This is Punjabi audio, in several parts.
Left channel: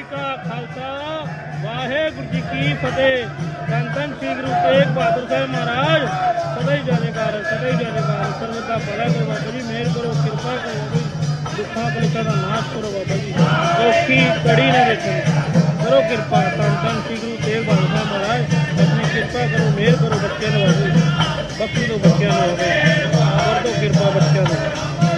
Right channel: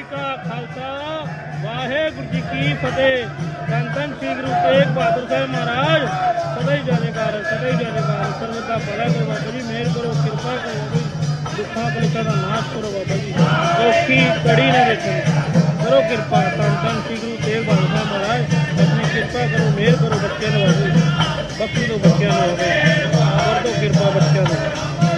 ਜੀ ਕਾ ਖਾਲਸਾ, ਵਾਹਿਗੁਰੂ ਜੀ ਕੀ ਫਤਿਹ। ਧੰਨ ਸ੍ਰੀ ਗੁਰੂ ਤੇਗ ਬਹਾਦਰ ਸਾਹਿਬ ਮਹਾਰਾਜ, ਸਦਾ ਹੀ ਜਾਣੇਕਾਰ ਸਦਾ ਹੀ ਜਾਣੇਕਾਰ ਸਰਵ ਦਾ ਭਲਾ ਕਰੋ ਬਾਬਾ ਜੀ, ਮਿਹਰ ਕਰੋ, ਕਿਰਪਾ ਕਰੋ ਦੁੱਖਾਂ ਕਲੇਸ਼ਾਂ ਦਾ ਨਾਸ਼ ਕਰੋ ਬਾਬਾ ਜੀ। ਔਖੀ ਕੜੀ ਨਾ ਵੇਖੋ ਕਰੋ ਕਿਰਪਾ, ਧੰਨ ਸ੍ਰੀ ਗੁਰੂ ਤੇਗ ਬਹਾਦਰ ਸਾਹਿਬ ਮਹਾਰਾਜ, ਆਪਣੀ ਕਿਰਪਾ ਕਰੋ, ਮਿਹਰ ਕਰੋ ਬੱਚਿਆਂ ਨੂੰ ਬਾਬਾ ਜੀ। ਬਖਸ਼ੀ ਦਿਓ ਬੱਚਿਆਂ ਨੂੰ ਹੋਵੇ। ਕਰ ਦਿਓ ਕਿਰਪਾ ਬੱਚਿਆਂ ਨੂੰ।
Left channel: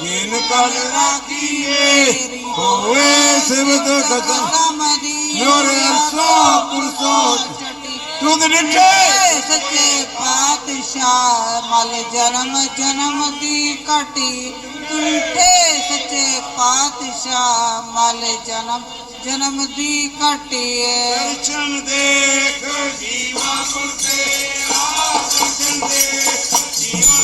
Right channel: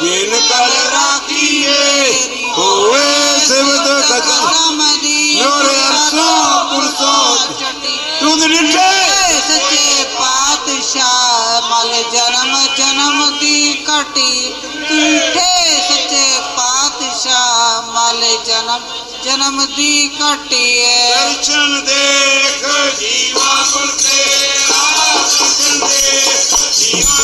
ਜਿਨ ਕਲ ਰਾਖੀਏ, ਹੋਵੇ ਸਿਵਤ ਗਜਨ ਨੋਰੇ ਅਰਸੋਂ ਪੁਰਸੋਂ ਤੁਧ ਰਿਠੇ ਸੱਚੇ ਪਾਤਸ਼ਾਹ, ਮਲ ਜਨਮ ਜਨਮ ਦੀ ਘਟੀ। ਢੀਠੇ ਸੱਚੇ ਪਾਤਸ਼ਾਹ, ਮਲ ਜਨਮ ਜਨਮ ਦੀ ਘਟੀ ਦਰਸ਼ਨ ਦੇਖ, ਜੀਵਾ ਗੁਰ ਤੇਰਾ ਦਰਸ਼ਨ ਦੇਖ ਜੀਵਾ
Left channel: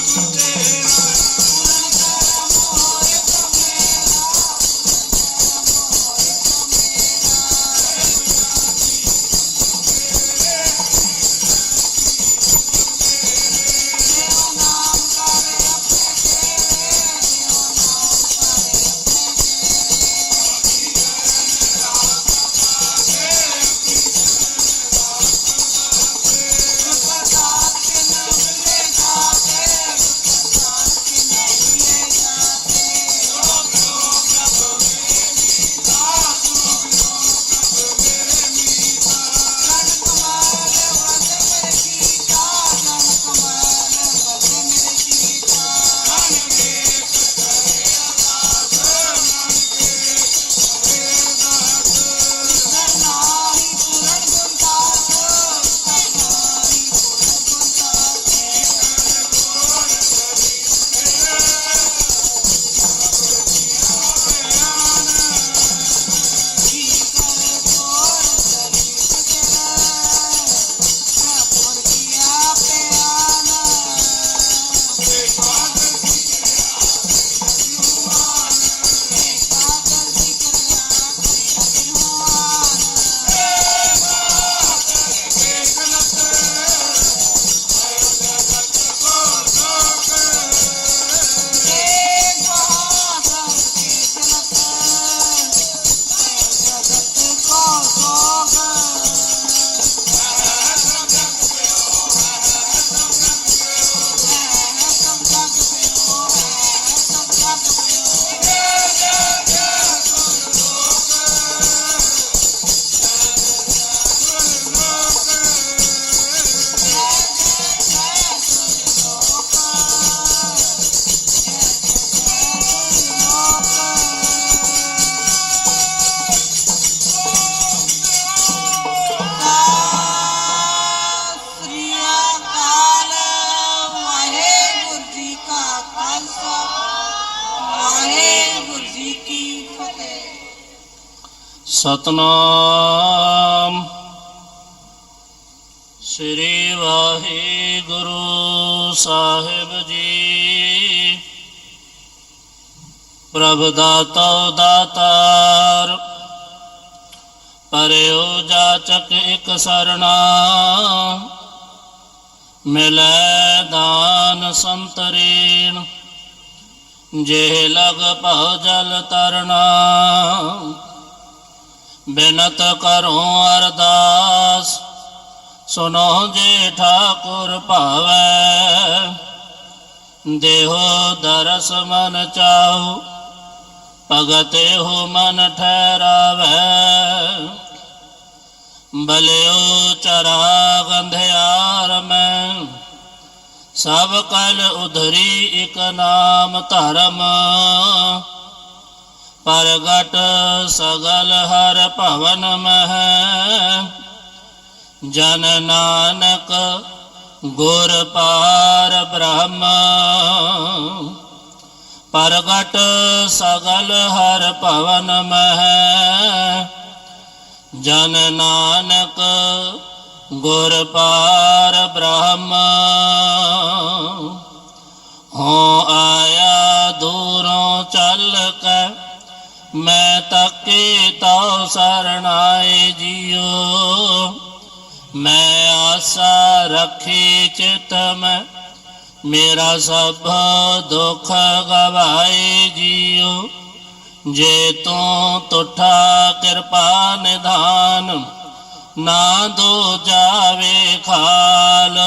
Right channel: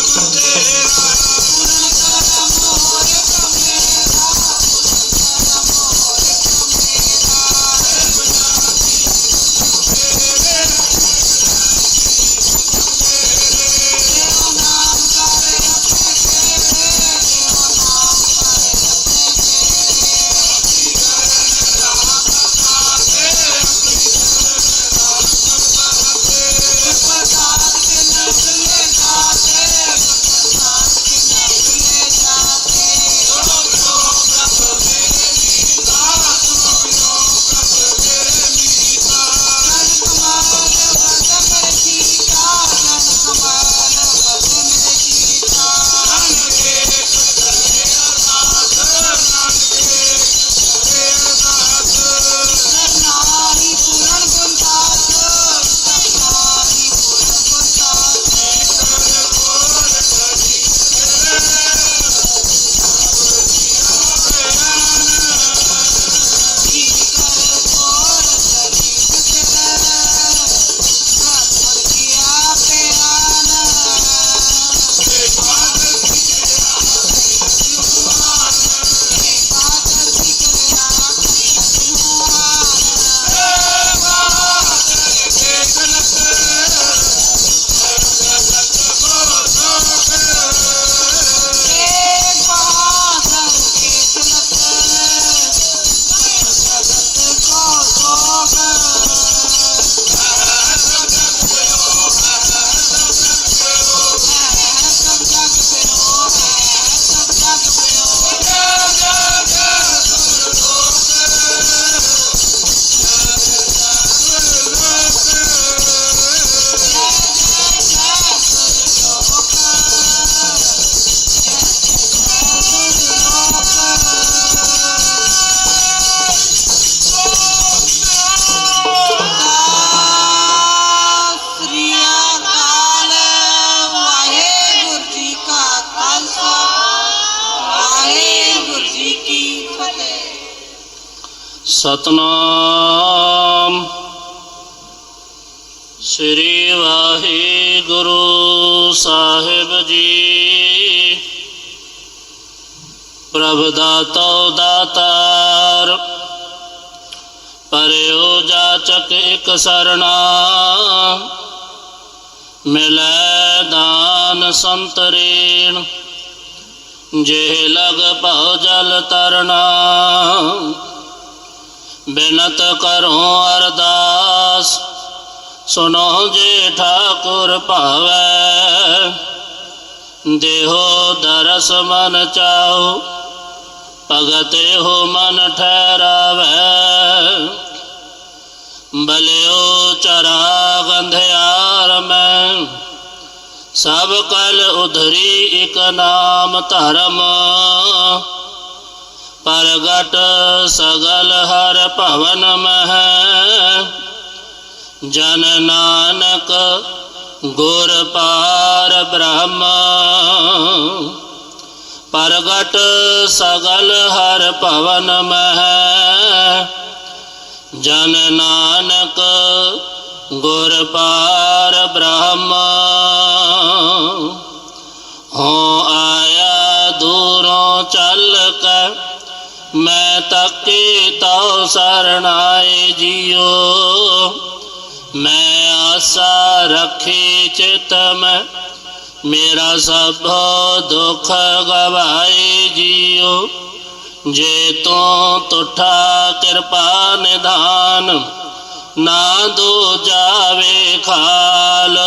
ਸਤਨਾਮ। ਸ੍ਰੀ ਵਾਹਿਗੁਰੂ ਸਾਹਿਬ ਜੀ। ਪ੍ਰਭ ਦਾਤਾ ਦਾਤਾਰ ਪਰਿਓ ਜਾਚਕ ਇਕ ਸਰਣਾ। ਮਿਲੈ ਦਾਨ ਸੰਤਰੇਣ ਜੇ ਲਗ ਭਉ ਜਲ ਤਰਨਾ ਬਿਨਤ ਕਰੋ ਅਰਦਾਸ ਸੁਨੋ ਜੇ ਠਾਕੁਰ ਭਾਵੈ। ਦੇਹੋ ਦਰਸ ਮਨ ਚਾਓ ਭਗਤ ਹੋ ਮਨ ਠਹਿਰਾਵੈ। ਬਲਿਓ ਚਰਾ ਗੰਧਿਆਰ ਮੈਂ, ਸਭ ਕਲ ਉਧਰੀ ਇਕ ਨਾਮ ਧਰਮ। ਪ੍ਰਗਟ ਸਗਲ ਹਰ ਭਵਨ ਮਹਿ। ਜਨ ਨਾਨਕ ਗੁਰ ਪਾਰ ਬ੍ਰਹਮ। ਪ੍ਰਗਟ ਸਗਲ ਹਰ ਭਵਨ ਮਹਿ। ਜਨ ਨਾਨਕ ਗੁਰ ਪਾਰ ਬ੍ਰਹਮ। ਹੋ ਆਇਆ ਦੂਰੋਂ ਚੱਲ ਕੇ ਮੈਂ ਤੱਕੇ ਤਉ ਸਰਣਾਏ ਜੀਓ। ਮੈਂ ਆਸਾ ਰੱਖੀ ਚਿਤ ਮੈਂ, ਮੇਰਾ ਸਭ ਦੁੱਖ ਗਵਾਏ ਜੀਓ। ਜੇ ਤੂੰ ਤੁਠਾ ਕਿਰਪਾ ਨਿਧਾਨ ਨਾ ਦੋ ਜਾਵੇ ਖਾਲ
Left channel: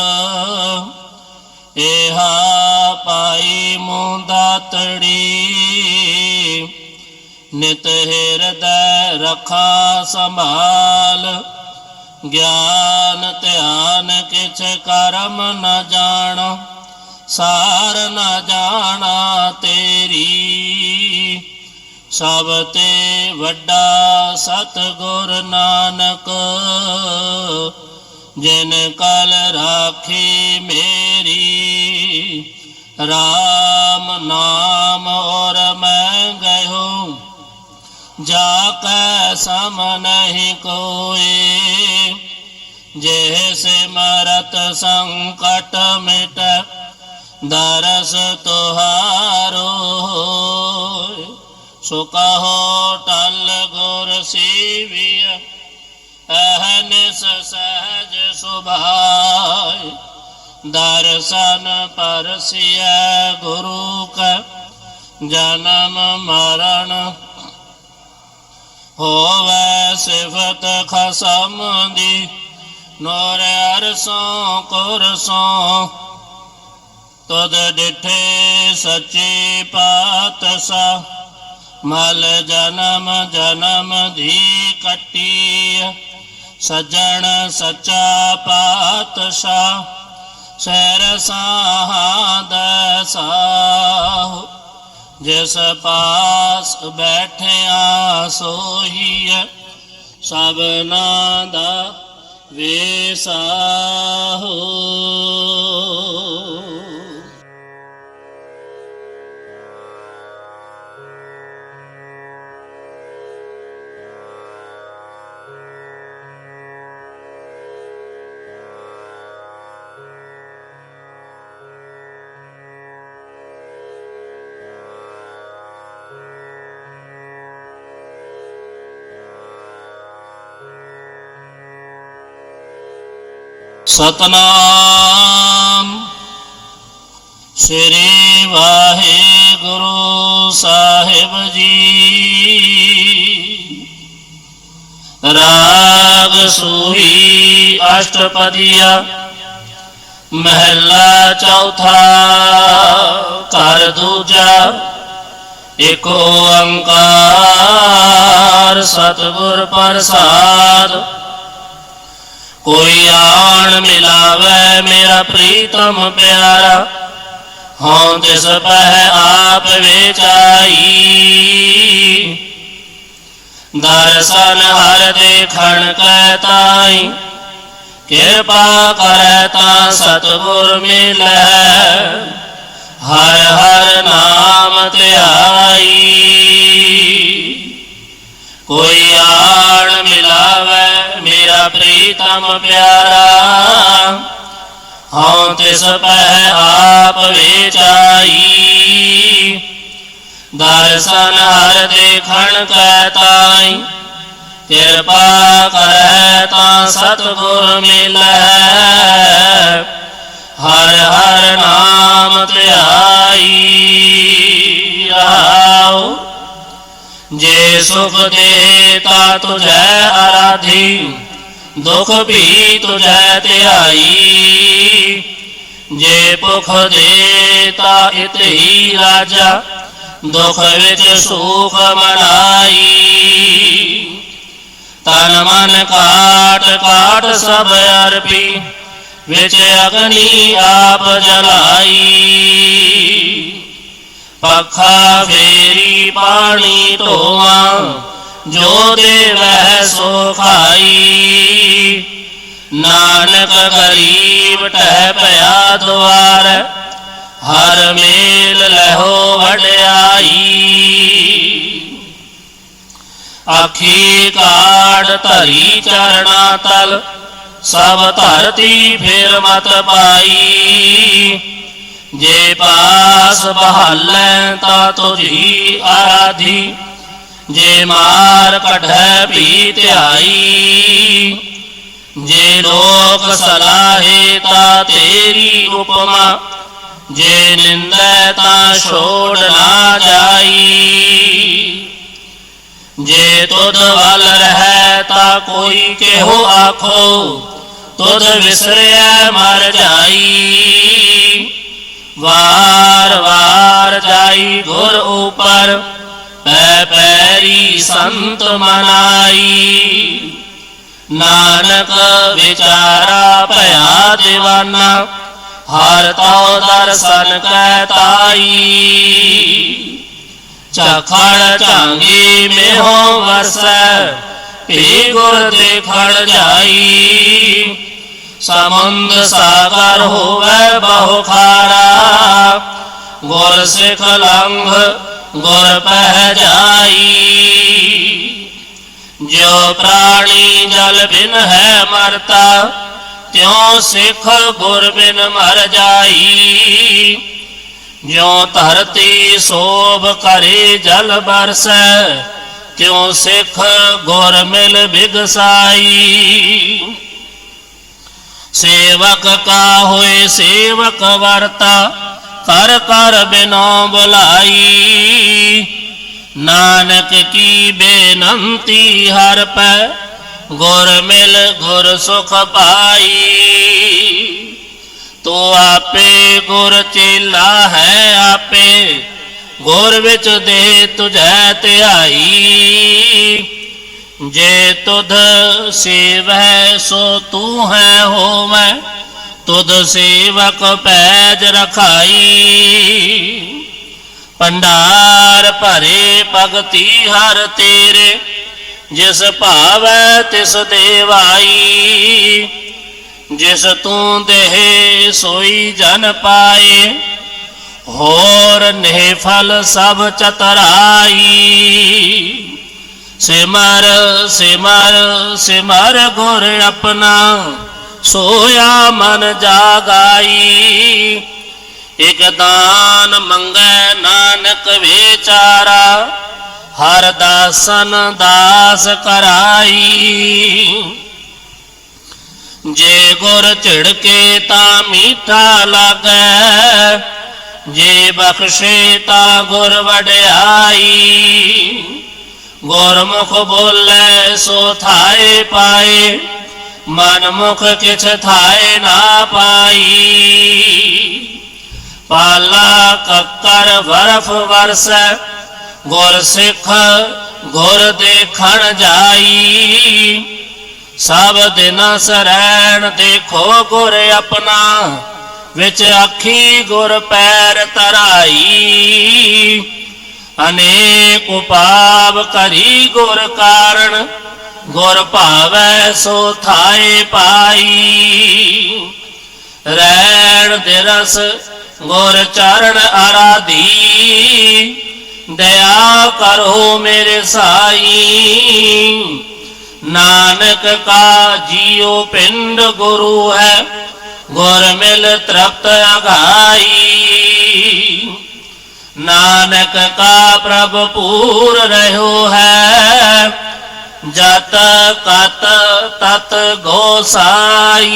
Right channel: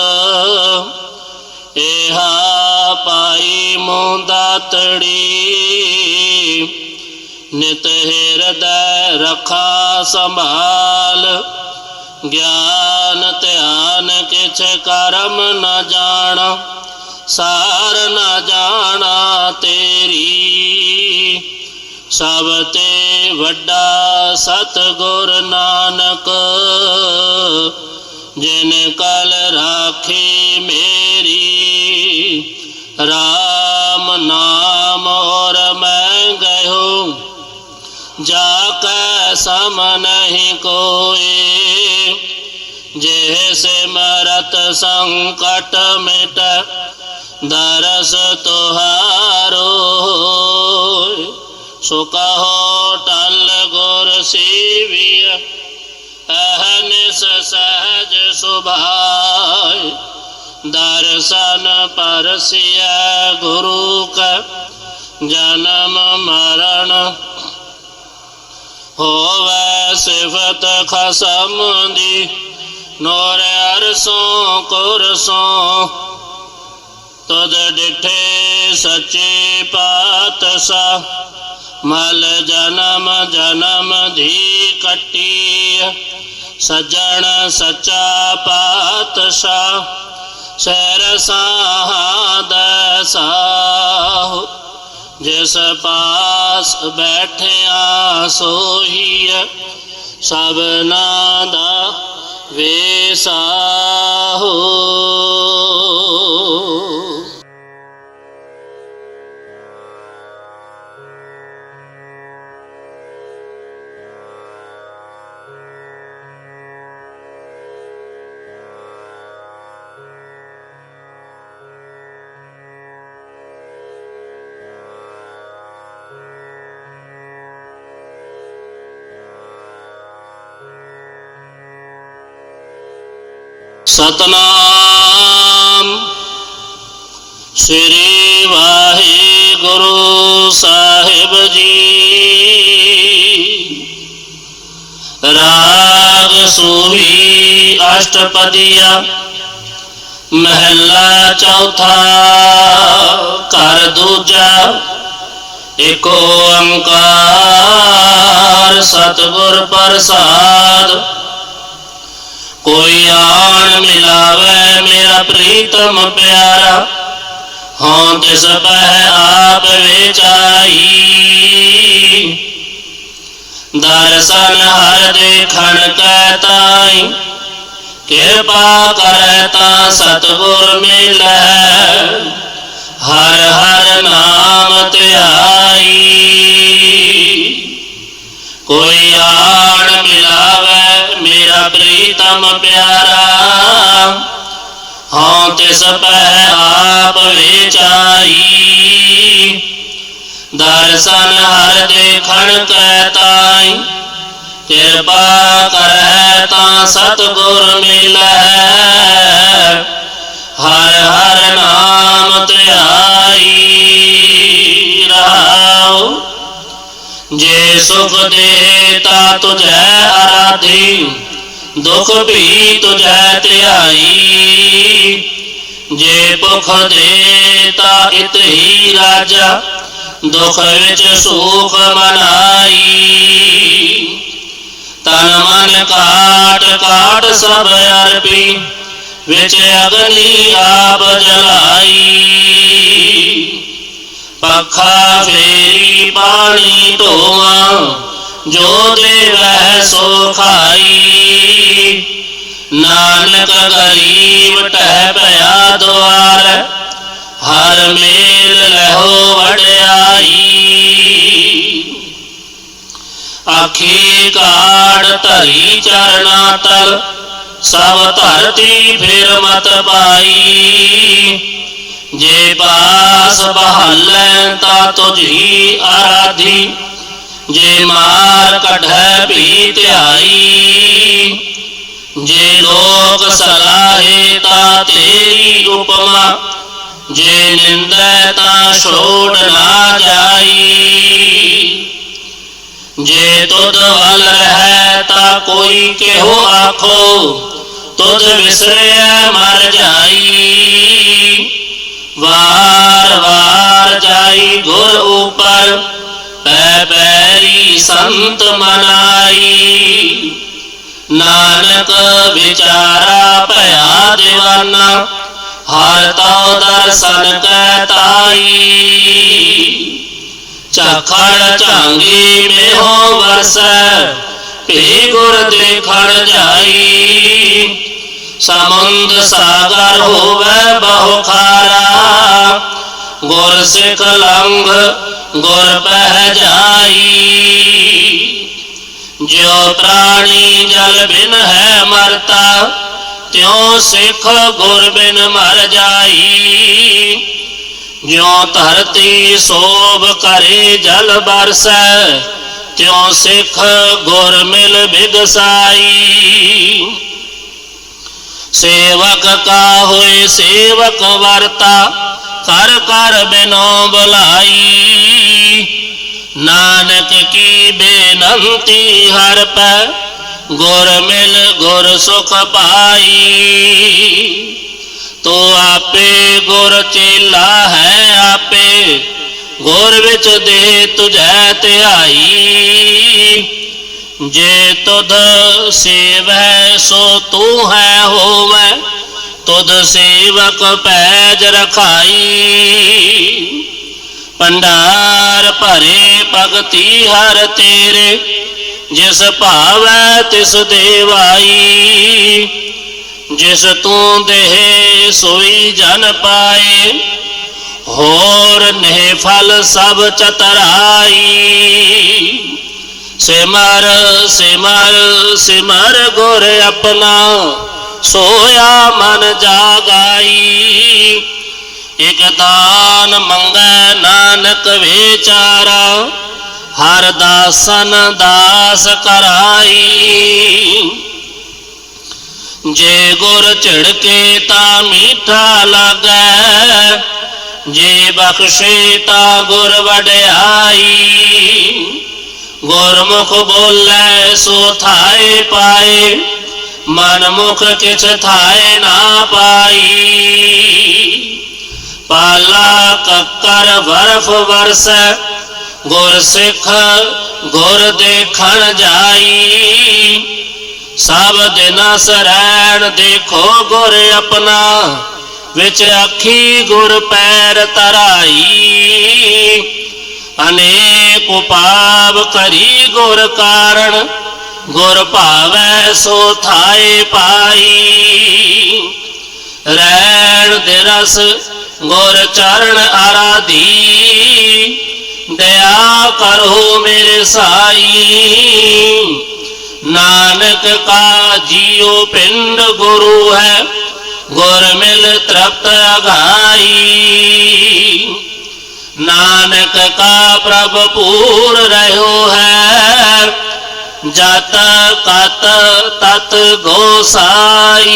ਇਹਾ ਪਾਈ ਮੁੰਦਾ ਤੜੀ। ਨਿਤ ਹਿਰਦੈ ਰਖਾ ਸੰਭਾਲ, ਗਿਆਨ ਧਿਆਨ ਕਿਛ ਕਰਮ ਨ ਜਾਣ, ਸਾਰ ਨ ਜਾਣਾ ਤੇਰੀ। ਸਭ ਤੇ ਵੱਡਾ ਸਤਿਗੁਰ ਨਾਨਕ, ਜਿਨ ਕਲ ਰਾਖੀ ਮੇ ਜਾ ਕੈ ਸਮ ਨਹੀਂ ਕੋਏ ਜੇ ਸਿਮਰਤ ਸੰਕਟ ਮਿਟ ਦਰਸ ਤੁਹਾਰੋ ਸੋ ਕਹੋ ਟਲ ਗੁਰ ਸੇਵਿਆ ਅਹਨਿਸ ਸਹਜ ਸੁਭਾਇ ਦਰਸ਼ਨ ਪਰਸਿਆ ਗੁਰੂ ਕੈ ਜਨਮ ਮਰਨ ਹੋਵੇ ਸਿਫਤ ਖਸਮ ਦੀ, ਨੂਰ ਅਰਸੋਂ ਕੁਰਸੋਂ ਤਦ ਡਿਠੇ ਸੱਚੇ ਪਾਤਸ਼ਾਹ ਮਲ ਜਨਮ ਜਨਮ ਦੀ ਕੱਟੀ ਸਜਣ ਸੱਚਾ ਪਾਤਸ਼ਾਹ ਸਹਿਰ ਸਾਹਦ ਸਾਹੁ ਜਿਸ ਪਾਸ ਬੈਠਿਆ ਸੋਈ ਸਭਨਾ ਦਾ ਵੇਸਾਹੋ ਹੋ ਸ੍ਰੀ ਵਾਹਿਗੁਰੂ ਸਾਹਿਬ ਜੀ ਰਾਗ ਸੂਹੀ ਅਸ਼ਟਪਦੀਆ ਮਹਿਲਾ ਚੌਥਾ ਘਰ ਦੂਜਾ ਏਕ ਓੰਕਾਰ ਸਤਿਗੁਰ ਪ੍ਰਸਾਦ ਕੋਈ ਆਣ ਮਿਲਾਵੇ ਮੇਰਾ ਪ੍ਰੀਤਮ ਪਿਆਰਾ ਹਾਂ ਤਿਸ ਪਹਿ ਆਪ ਵਿਚਾਈ ਦਰਸ਼ਨ ਹਰ ਦੇਖਣ ਕੈ ਤਾਈ ਕਿਰਪਾ ਕਰੈ ਤਾਂ ਸਤਿਗੁਰ ਮਿਲੈ ਹਰ ਹਰ ਨਾਮ ਧਿਆਈ ਕੋਈ ਆਣ ਮਿਲਾਵੇ ਮੇਰਾ ਪ੍ਰੀਤਮ ਪਿਆਰਾ ਹਾਂ ਤਿਸ ਪਹਿ ਆਪ ਵਿਚਾਈ ਦਰਸ਼ਨ ਹਰ ਦੇਖਣ ਕੈ ਤਾਈ ਕਿਰਪਾ ਕਰੈ ਤਾਂ ਸਤਿਗੁਰ ਮਿਲੈ ਹਰ ਹਰ ਨਾਮ ਧਿਆਈ ਰਹਾਉ ਜੇ ਸੁਖ ਦੇ ਤਾ ਤੁਝੈ ਆਰਾਧੀ ਦੁਖ ਵੀ ਤੁਝੈ ਧਿਆਈ। ਜੇ ਭੁਖ ਦੇ ਤਾ ਇਤ ਰਾਜਾ, ਦੁਖ ਵਿੱਚ ਸੁਖ ਮਨਾਈ। ਤਨ ਮਨ ਕਾਟ ਕਾਟ ਸਭ ਅਰਪੀ, ਵਿੱਚ ਅਗਨੀ ਆਪ ਜਲਾਈ। ਪੱਖਾ ਫੇਰੀ ਪਾਣੀ ਢੋਆ ਜੋ ਦੇਵੈ ਸੋ ਖਾਈ ਨਾਨਕ ਗਰੀਬ ਟਹਿ ਪਿਆ ਦੁਆਰ, ਹਰ ਮੇਲ ਲਹੋ ਵਡਿਆਈ। ਆਖੀ ਕਾੜ ਧਰੀ ਚਰਣਾ ਤਲ, ਸਭ ਧਰਤੀ ਫਿਰ ਮਤ ਪਾਈ। ਜੇ ਪਾਸ ਬਹਾਲੈ ਤਾ ਤੁਝੀ ਆਰਾਧੀ ਜੇ ਮਾਰ ਕਢੈ ਭੀ ਧਿਆਈ ਜੇ ਲੋਕ ਸਲਾਹੇ ਤਾ ਤੇਰੀ ਉਪਮਾ, ਜੇ ਨਿੰਦੈ ਤਾ ਛੋੜ ਨਾ ਜਾਈ। ਜੇ ਤੁਧ ਵੱਲ ਰਹਿ ਤਾ ਕੋਈ ਕਿਹੋ ਆਖੋ, ਤੁਧ ਵਿਸਰਿਆ ਮਰ ਜਾਈ। ਵਾਰ ਵਾਰ ਜਾਈ ਗੁਰ ਉਪਰ ਪੈ ਪੈਰੀ ਸੰਤ ਮਨਾਈ। ਨਾਨਕ ਵਿਚਾਰਾ ਭਇਆ دیਵਾਨਾ ਹਰ ਤਉ ਦਰਸ਼ਨ ਕੈ ਤਾਈ। ਝਖੜ ਝਾਂਗੀ ਮੇਹੋ ਵਰਸੈ, ਭੀ ਗੁਰ ਦੇਖਣ ਜਾਈ। ਸਮੁੰਦ ਸਾਗਰ ਹੋਵੇ ਬਹੁ ਖਾਰਾ, ਗੁਰ ਸਿਖ ਲੰਘ ਗੁਰ ਪਹਿ ਜਾਈ ਜੋ ਪ੍ਰਾਣੀ ਜਲ ਬਿਨ ਹੈ ਮਰਤਾ, ਤਿਉ ਸਿੱਖ ਗੁਰ ਬਿਨ ਮਰ ਜਾਈ। ਜਿਉ ਧਰਤੀ ਸੋਭ ਕਰੇ ਜਲ ਬਰਸੈ, ਤਿਉ ਸਿੱਖ ਗੁਰ ਮਿਲ ਬਿਗਸਾਈ। ਸੇਵਕ ਕਾ ਹੋਏ ਸੇਵਕ ਵਰਤਾ ਕਰ ਕਰ ਬਿਨੋ ਬੁਲਾਈ। ਨਾਨਕ ਕੀ ਬੇਨੰਤੀ ਹਰ ਪੈ, ਗੁਰ ਮਿਲ ਗੁਰ ਸੁਖ ਪਾਈ। ਤੋ ਆਪੇ ਗੁਰ ਚੇਲਾ ਹੈ ਆਪੇ, ਗੁਰ ਵਿੱਚ ਦੇ ਤੁਝੈ ਧਿਆਈ। ਜੇ ਤੁਧ ਸੇਵੈ ਸੋ ਤੂੰ ਹੈ ਹੋਵੈ ਤੁਧ ਸੇਵਕ ਪੈਜ ਰਖਾਈ। ਭੰਡਾਰ ਭਰੇ ਭਗਤੀ ਹਰ ਤੇਰੇ, ਜਿਸ ਭਾਵੈ ਤਿਸ ਦੇਵਾਈ। ਜਿਸ ਤੂੰ ਦੇਹ ਸੋਈ ਜਨ ਪਾਏ, ਹੋਰ ਨੇ ਫਲ ਸਭ ਚਤਰਾਈ। ਸਿਮਰ ਸਿਮਰ ਸਿਮਰ ਗੁਰ ਆਪਣਾ। ਸੋਇਆ ਮਨ ਜਾਗਾਈ। ਇਕ ਦਾਨ ਮੰਗੈ ਨਾਨਕ ਵਿਚਾਰਾ ਹਰ ਦਾਸਨ ਦਾਸ ਕਰਾਈ। ਜੇ ਗੁਰ ਝਿੜਕੇ ਤਾਂ ਮੀਠਾ ਲਾਗੈ। ਜੇ ਬਖਸ਼ੇ ਤਾਂ ਗੁਰ ਵਡਿਆਈ। ਗੁਰਮੁਖ ਬੋਲੇ ਸੋ ਥਾਏ ਪਾਏ। ਮਨ ਮੁਖ ਕਿਛ ਥਾਏ ਨਾ ਪਾਈ। ਪਾਲਾ ਕੱਕਰ ਵਰਫ ਵਰਸ, ਗੁਰ ਸਿੱਖ ਗੁਰ ਦੇਖਣ ਜਾਈ। ਸਭ ਦਿਨ ਸਰੈਣ ਦੇਖੋ ਗੁਰ ਆਪਣਾ, ਵਿੱਚ ਅੱਖੀ ਗੁਰ ਪੈਰ ਤਰਾਈ ਅਨੇਕ ਉਪਾਵ ਕਰੀ ਗੁਰ ਕਾਰਣ ਗੁਰ ਭਾਵੈ ਸੋ ਥਾਏ ਪਾਈ। ਰੈਣ ਦੇ ਰਸ ਗੁਰ ਚਰਨ ਆਰਾਧੀ। ਦਇਆ ਕਰੋ ਮੇਰੇ ਸਾਈ। ਨਾਨਕ ਕਾ ਜੀਉ ਪਿੰਡ ਗੁਰੂ ਹੈ, ਗੁਰ ਮਿਲ ਤ੍ਰਪਤ ਅਗਾਈ। ਨਾਨਕ ਕਾ ਪ੍ਰਭ ਪੂਰ ਰਹਿਓ ਹੈ ਜਤ ਕਤ ਤਤ ਗੋਸਾਈ।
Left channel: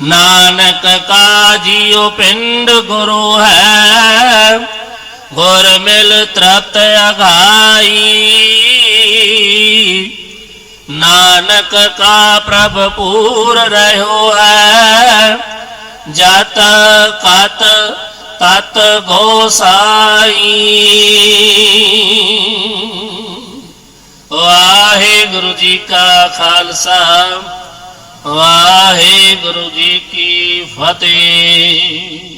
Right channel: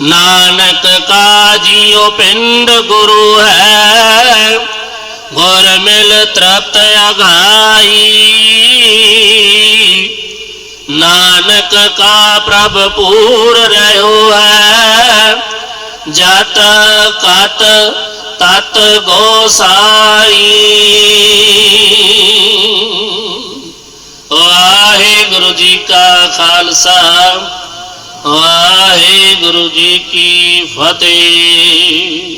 ਨਾਨਕ ਕਾ ਜੀਉ ਪਿੰਡ ਗੁਰੂ ਹੈ, ਗੁਰ ਮਿਲ ਤ੍ਰਪਤ ਅਗਾਈ। ਨਾਨਕ ਕਾ ਪ੍ਰਭ ਪੂਰ ਰਹਿਓ ਹੈ, ਜਤ ਕਤ ਤਤ ਗੋਸਾਈ। ਵਾਹਿਗੁਰੂ ਜੀ ਕਾ ਖਾਲਸਾ ਵਾਹਿਗੁਰੂ ਜੀ ਕੀ ਫਤਿਹ।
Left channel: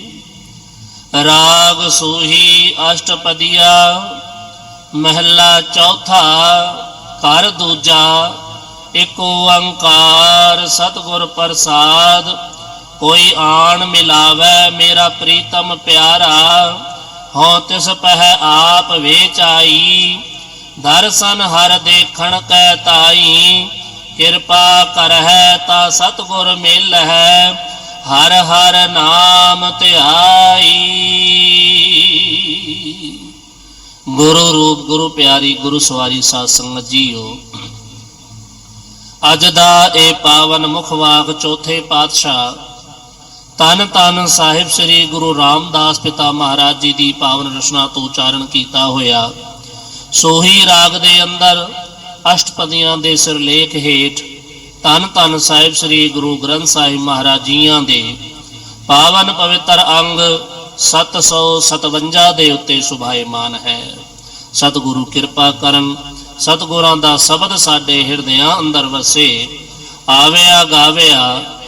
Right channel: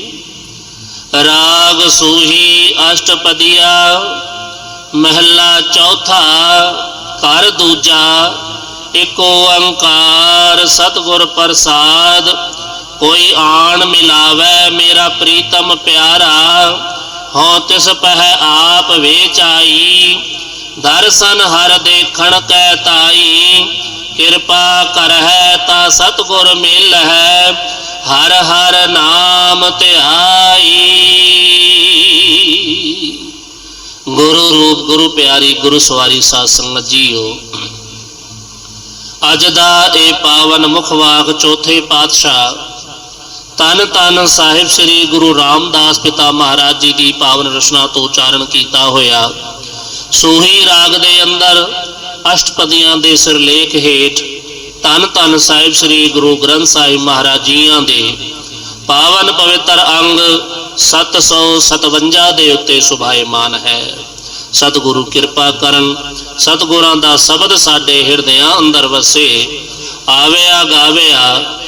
ਰਾਗ ਸੂਹੀ ਅਸ਼ਟਪਦੀਆ, ਮਹਿਲਾ ਚੌਥਾ, ਘਰ ਦੂਜਾ ਏਕ ਓੰਕਾਰ ਸਤਿਗੁਰ ਪ੍ਰਸਾਦ ਕੋਈ ਆਣ ਮਿਲਾਵੇ ਮੇਰਾ ਪ੍ਰੀਤਮ ਪਿਆਰਾ ਹਉ ਤਿਸ ਪਹਿ ਆਪ ਵੇਚਾਈ। ਦਰਸ਼ਨ ਹਰ ਦੇਖਣ ਕੈ ਤਾਈ, ਕਿਰਪਾ ਕਰਹਿ ਤਾਂ ਸਤਿਗੁਰ ਮਿਲ ਹੈ ਹਰ ਹਰ ਨਾਮ ਧਿਆਈ। ਗੁਰੂ ਰੂਪ, ਗੁਰੂ ਪਿਆਰੀ, ਗੁਰੂ ਸਵਾਰੀ ਸਾਧ ਸੰਗਤ ਜੀਓ, ਅੱਜ ਦਾ ਇਹ ਪਾਵਨ ਮੁਖ ਵਾਕ ਚੌਥੇ ਪਾਤਸ਼ਾਹ ਤਨ ਤਨ ਸਾਹਿਬ ਸ੍ਰੀ ਗੁਰੂ ਰਾਮਦਾਸ ਪਿਤਾ ਮਹਾਰਾਜ ਜੀ ਦੀ ਪਾਵਨ ਰਚਨਾ ਤੋਂ ਉਚਾਰਨ ਕੀਤਾ ਹੋਇਆ। ਸੋਹੀ ਰਾਗ ਦੇ ਅੰਦਰ ਅਸ਼ਟਪਦੀਆਂ ਦੇ ਸਿਰਲੇਖ ਹੇਠ ਤਨ ਤਨ ਸਾਹਿਬ ਸ੍ਰੀ ਗੁਰੂ ਗ੍ਰੰਥ ਸਾਹਿਬ ਮਹਾਰਾਜ ਜੀਆਂ ਦੇ ਪਾਵਨ ਪਵਿੱਤਰ ਅੰਗ 757 ਦੇ ਉੱਤੇ ਸੁਭਾਇਮਾਨ ਹੈ। ਸਤਿਗੁਰੂ ਕਿਰਪਾ ਕਰਨ, ਸਤਿਗੁਰਾਂ ਦਾ ਸ਼ਬਦ ਸਾਡੇ ਹਿਰਦਿਆਂ ਅੰਦਰ ਵਸੇ, ਆਵਿਆ ਗਾਵਿਆ